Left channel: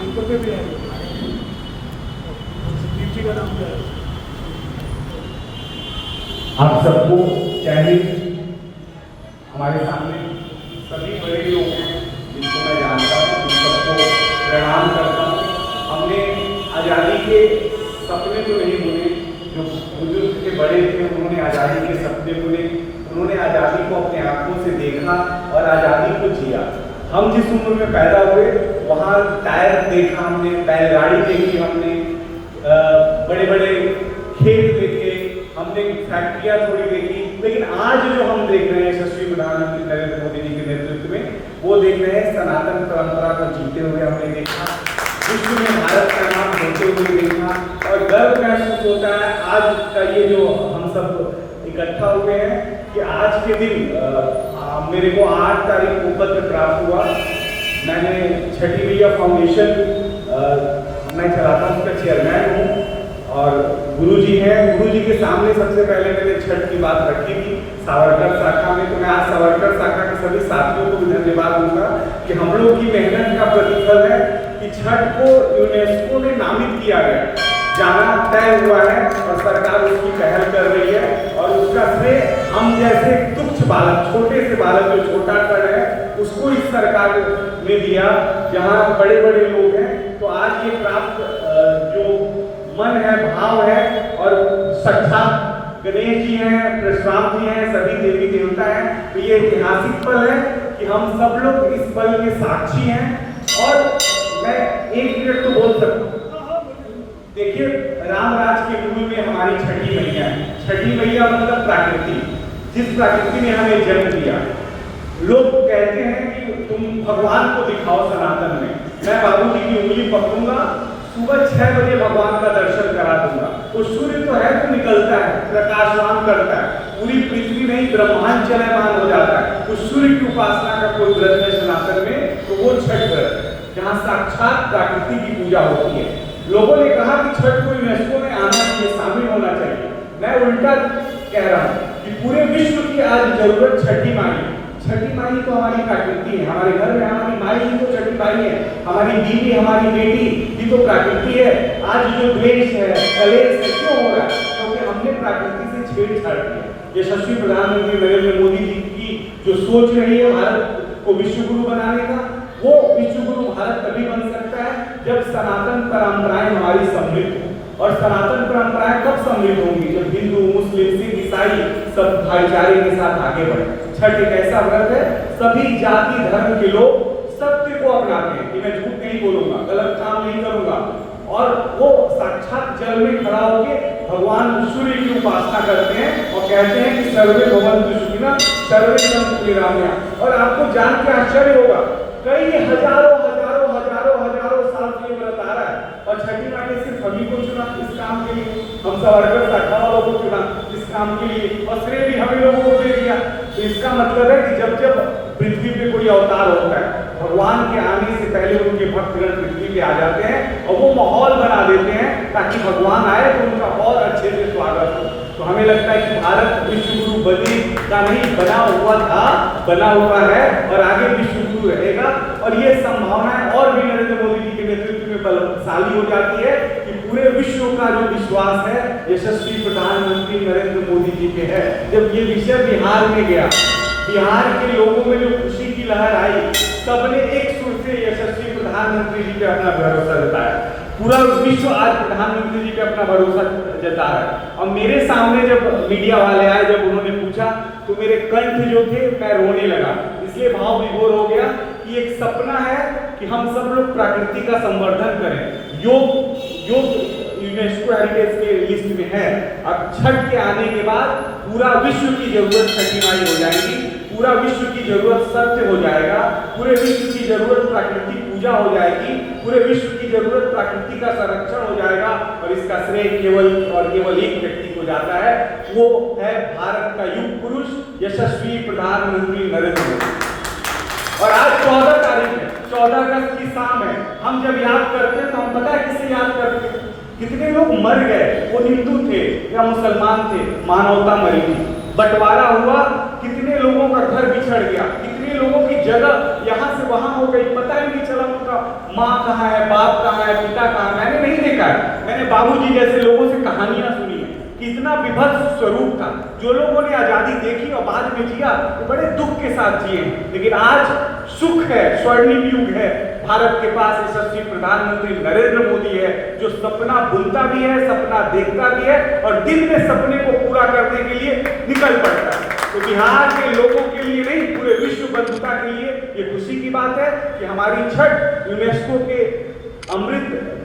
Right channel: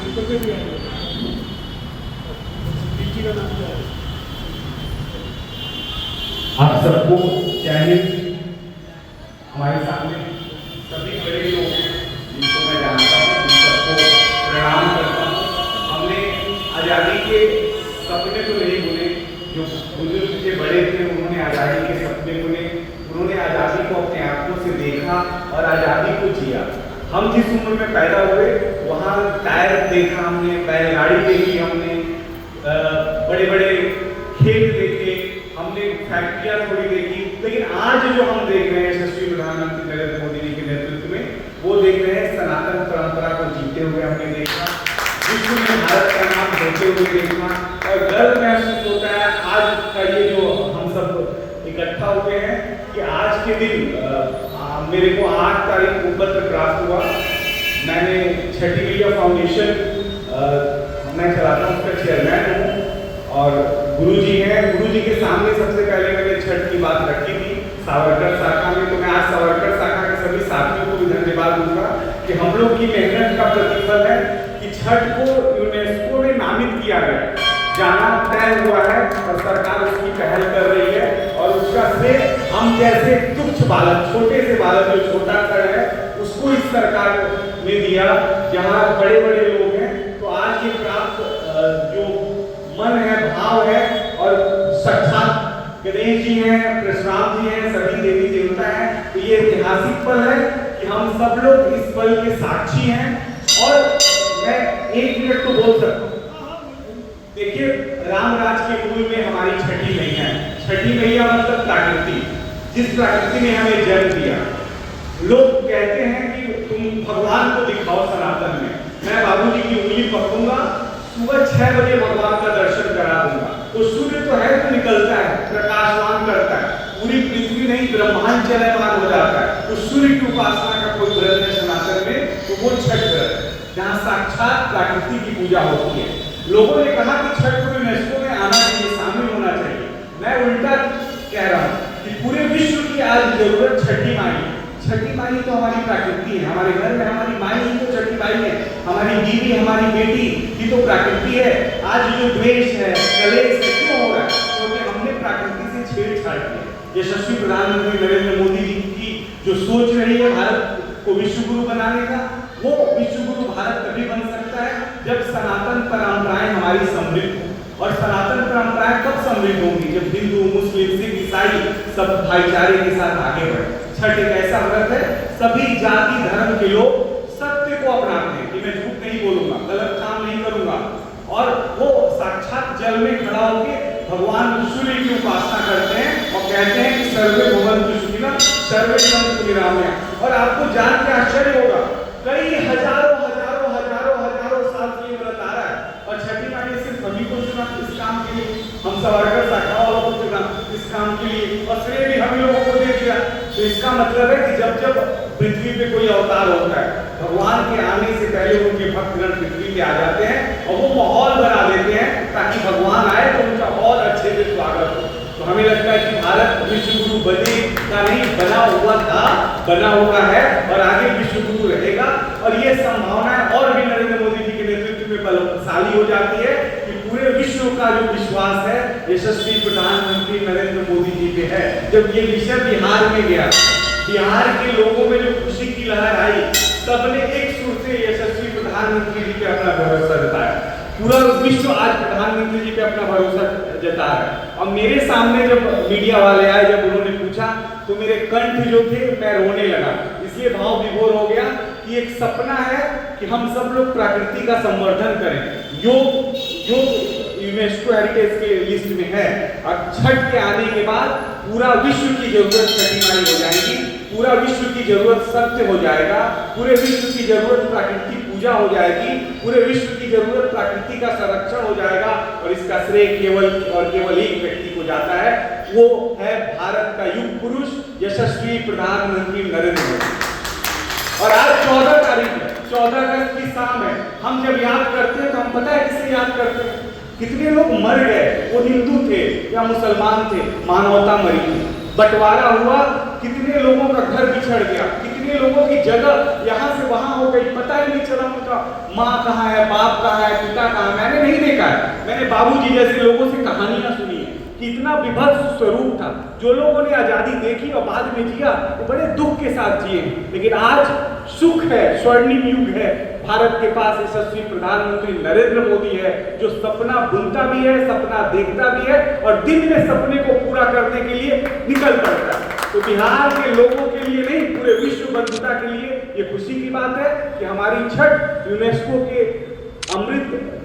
आप सबको चाहे हमारे सामने सभी बड़े लोग हैं जिनको मैं जानता हूँ, उन सबको प्रणाम करता हूँ। हमने आज़ादी के सपने तो नहीं बुने, जो बुजुर्ग के बड़े थे उन्होंने आज़ादी के सपने बुने, उन्होंने आज़ादी को अपने आंखों से देखा और आज़ादी को जिया। हम जिस उम्र में पैदा हुए वहाँ टायर देखा हमने, बैलगाड़ी देखी हमने, बड़े बड़े खेत देखे हमने, फैक्ट्रियाँ थोड़ी देखी, लेकिन आज जो हम देख रहे हैं यशस्वी प्रधानमंत्री नरेंद्र मोदी जी के नेतृत्व में, वो देख रहे हैं सनातन परंपरा को जीते हुए हमने देखा, विश्व में भारत का नाम होते हुए देखा और गर्व महसूस होता है। आज का ये जो हम सब इकट्ठा हुए हैं कि आज के दिन मेरे को 8 तारीख को पत्र प्राप्त हुआ। मैंने छठी मैया फाउंडेशन मैं चलाता हूँ, उसका चेयरमैन हूँ और गुरुजी हैं। गुरुजी के सामने सबसे पहले मैंने छठ की बात रखी थी सावरकर शाखा में, तो मैं आज सावरकर शाखा के सभी साथियों को भी धन्यवाद दूंगा कि हम लोग की मेहनत का प्रतिफल है कि छठ को यूनेस्को में नामित किया गया, जाना तय हुआ है और सरकार उसकी पहल कर रही है और उसका श्रेय हम जैसे तुच्छ बालक, छोटे से बालक जो छोटा कर है उसको इस सरकार ने दिया, जहाँ बड़े बड़े लोग हैं। तो आज ये प्राप्त जो मन है, भाव है और साक्षात गणेश जी हैं, परशुराम जी हैं, सभी देवी देवता हैं, तो ये ऐतिहासिक पल है कि हम सब लोग इस पल के साक्षी हैं। और मैं 1 मिनट तो बोल सकता हूँ। देखिए, रामराज के मूल में हमारी छठी मैया है। छठी मैया मतलब प्रकृति, जिस प्रकृति ने हमें जन्म दिया। लोग कहते हैं कि तुम भगवान को दिखाओ सनातन में, मैं बाबूजी की उंगली पकड़ूंगा, सुबह 6 बजे भगवान का दर्शन करा दूंगा। तो सूर्य तो है तो निकलता है, प्रकाशवान करता है, पूरी पृथ्वी नहीं ब्रह्मांड चलमान हो जाता है। तो सूर्य की उपासना का कोई व्रत है सनातन में, तो वो छठ व्रत है, जहाँ साक्षात प्रकृति की पूजा होती है। लोगों ने कहा कि छठ को यूनेस्को में आना चाहिए, शामिल होना चाहिए। मैं उल्टा कह रहा हूँ कि पूरे विश्व की आज जरूरत छठी माई। छठी माई तो हमारी प्रकृति है, हमारे घर में हमारी माई ही तो छठी माई है, हमारी बीवी, हमारी बेटी ही तो प्रकृति है। आज जो द्वेष है, कलेश है, क्यों हो रहा है? क्योंकि हमने प्रकृति से छेड़छाड़ की। यशस्वी प्रधानमंत्री नरेंद्र मोदी जी की जो सोच रही है भारत को विश्व गुरु बनाने का, वो विश्व गुरु भारत तभी बन सकता है जब सनातन परंपराएं हमारी समृद्ध हो। और सनातन परंपराएं कब समृद्ध होंगी? जब हिंदू, मुस्लिम, सिख, ईसाई सब भाईचारे के साथ आगे बढ़े। छठ एक ऐसा व्रत है, सभी जाति धर्म के लोग सत्य को अपनाते हैं कि मैं झूठ नहीं बोलूंगा, गलत काम नहीं करूंगा, और वो साक्षात जल में खड़ा होकर भगवान सूर्य की उपासना करते हैं और कहते हैं कि सर्वे भवन्तु सुखिनः सर्वे सन्तु निरामयाः। और आपको जान के आश्चर्य होगा, कई हजारों हजारों हजारों हजारों साल से व्रत आ रहा है और छठी माई ने सिर्फ हमी को चुना इस काम के लिए, हम सावरकर शाखा वालों को चुना इस काम के लिए और श्रेय भी हम लोगों को दे दिया। तो इसका मतलब है कि जब जब पृथ्वी पे कोई अवतार होता है, भगवान के आने से पहले उनके भक्तगण पृथ्वी पे आ जाते हैं और वो माहौल बना देते हैं ताकि भगवान आए तो उनका बहुत अच्छे से स्वागत हो। तो हमें लगता है कि भारत विश्व गुरु बनने का नहीं, बना हुआ था, बना हुआ है और आगे विश्व गुरु रहेगा। और ये संभावनाएं और भी नरेंद्र मोदी जी के नेतृत्व में बलशाली हो जाती है कि पूरे विश्व का जो विश्वास है यशस्वी प्रधानमंत्री नरेंद्र मोदी जी पे है। जब ये विषय बिहार में गया, बिहार के लोगों में जो खुशी की लहर आई, सबने एक सुर से यशस्वी प्रधानमंत्री जी पे अपना भरोसा जताया। पूरा विश्व आज प्रधानमंत्री जी पे अपना भरोसा जता है। और मेरे सामने जब मीडिया वाले आए, जब उन्होंने पूछा तो मेरे कंठ जो थे मैं रोने लगा, इसलिए भाव विभोर हो गया कि एक सपना है कि हम सब लोग प्रकृति का संवर्धन करें। योग यूनेस्को हेरिटेज के लिस्ट में है। अब छठ के आने के बाद पूरा विश्व की जरूरत छठी माई हो जाएगी, पूरा विश्व की जरूरत सत्य हो जाएगा, पूरे विश्व की जरूरत प्राकृतिक पूजा हो जाएगी, पूरे विश्व की जरूरत प्रकृति का संरक्षण हो जाएगा। और इसका श्रेय केवल एक व्यक्ति को जाता है, वो है भारत का युग पुरुष यशस्वी प्रधानमंत्री नरेंद्र मोदी। और आज 14 तारीख है, 14 अगस्त की शाम है। हम जब याद करते हैं तो हम पता है किसे याद करते हैं? कितने लोग मर गए, वो हिंदू थे या मुसलमान थे, मानवता मरी, बंटवारा हुआ, कितने लोगों का घर बिछड़ गया, कितने लोगों की जगह यहाँ से वहां हो गई, पता ही नहीं चला उनका माँ कहाँ है, बाप कहाँ है, पिता कहाँ है, मैंने नहीं देखा है। मैंने बाबूजी जैसे लोगों से कहानियां सुनी है कि इतना विभत्स स्वरूप था। जो लोगों ने आजादी देखी और बाद में जिया वो बड़े दुख के साथ जिए, लेकिन आज सुख है, स्वर्णिम युग है। भारत के पास यशस्वी प्रधानमंत्री नरेंद्र मोदी है जो सपना बुनता भी है, सपना देखता भी है और दिन में सपने को पूरा करने के लिए निकल पड़ता है। तो बिहार के लोगों के लिए नहीं, पूरे विश्व बंधुता के लिए ये खुशी की बात है कि हमारी छठ यूनेस्को के अमृत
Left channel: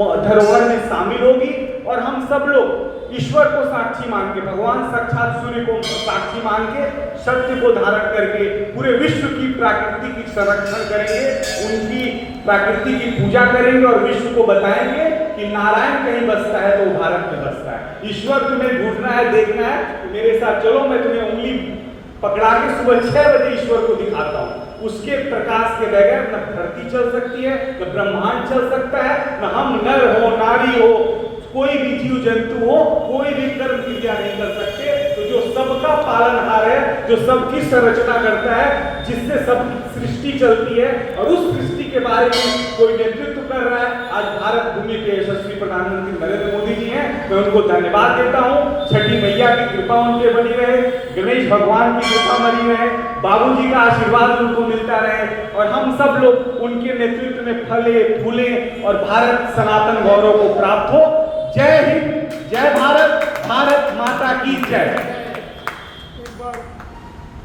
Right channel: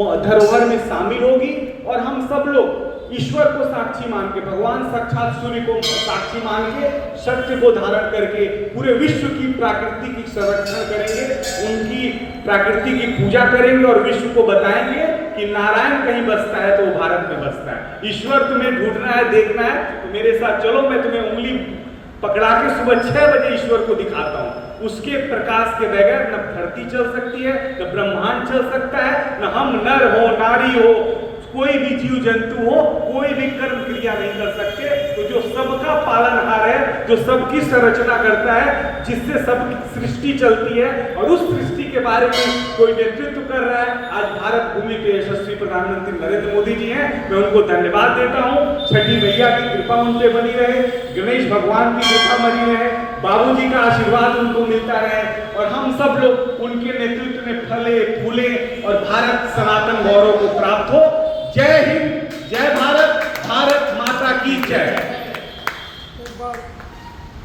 धरोहर में शामिल होगी और हम सब लोग ईश्वर को साक्षी मान के, भगवान साक्षात सूर्य को साक्षी मान के, सत्य को धारण करके पूरे विश्व की प्रकृति की संरक्षण करेंगे, उनकी प्रकृति की पूजा करेंगे और विश्व को बताएंगे कि नारायण कहीं बसता है तो वो भारत में बसता है। ईश्वर तुम्हें ढूंढना है, देखना है तो मेरे साथ चलो, मैं तुम्हें उंगली पकड़ा के सुबह 6 बजे ईश्वर को दिखाता हूँ। उसके प्रकाश के बगैर न धरती चल सकती है, न ब्रह्मांड चल सकता है, न हम नर हो, नारी हो, कोई भी जीव जंतु हो, कोई भी कर्म क्रिया नहीं कर सकते। तो जो सबका पालनहार है, जो सबकी संरचना करता है, जिससे सबकी सृष्टि चलती है और उस सृष्टि के बारे में कोई नेतृत्व कर रहा है, आज भारत भूमि के यशस्वी प्रधानमंत्री नरेंद्र मोदी जी हैं। मैं उनको धन्यवाद देता हूँ। छठी मैया की कृपा उन पे बनी रहे, गणेश भगवान की कृपा बनी रहे, बाबूजी का आशीर्वाद उनको मिलता रहे और हम सब लोग उनके नेतृत्व में फले फूले और भारत सनातन गौरव को प्राप्त हो। जय हिंद।